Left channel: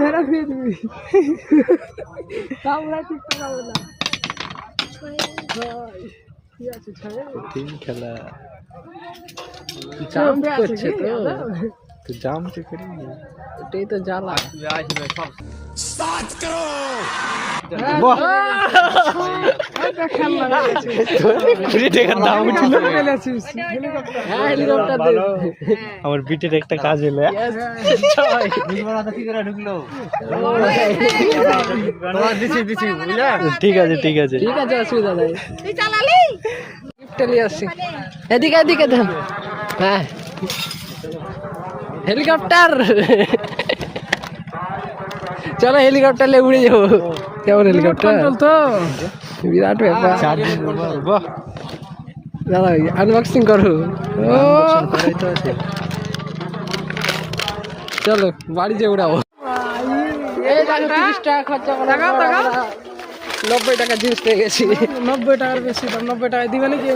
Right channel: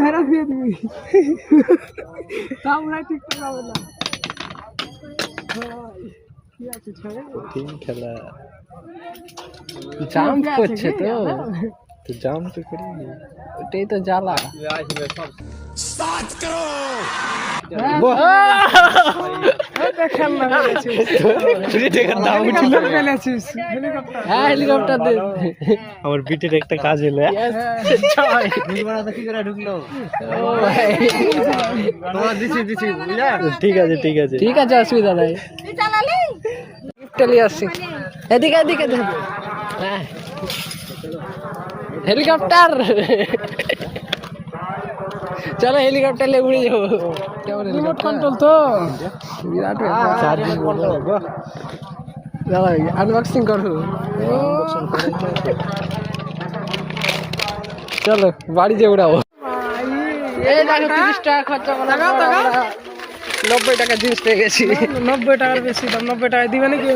ধরে ফিরে দিবি আমরা ঠিক পাবো না কঠিন খেলা জাম্প করছে তো জাম্প তো করি ওটাই তো জ্বালা বাহ দেখেন না কুড়ি টাকার দাম উঠল হেলিকপ্টার দে আমার বিটের একটা কাজ এলো ঠিক আছে ঠিক আছে ঠিক আছে অসুবিধা নাই গিফট নিয়ে আসছি এদিকে এদিকে ধর হ্যাঁ হেলিকপ্টার চলো হেলিকপ্টার নিয়ে উড়ে যাবো কেমন হেলিকপ্টার তো বিরাট ব্যাপার দাদা আনবক্সিং করো চলো বাড়ি যে উড়াবো এই দেখো 30 টাকা খরচা করার পর আমরা 90 টাকা জিনিস পেয়ে গেছি 90 টাকার বেশি দাম 90 টাকা দিবে নাকি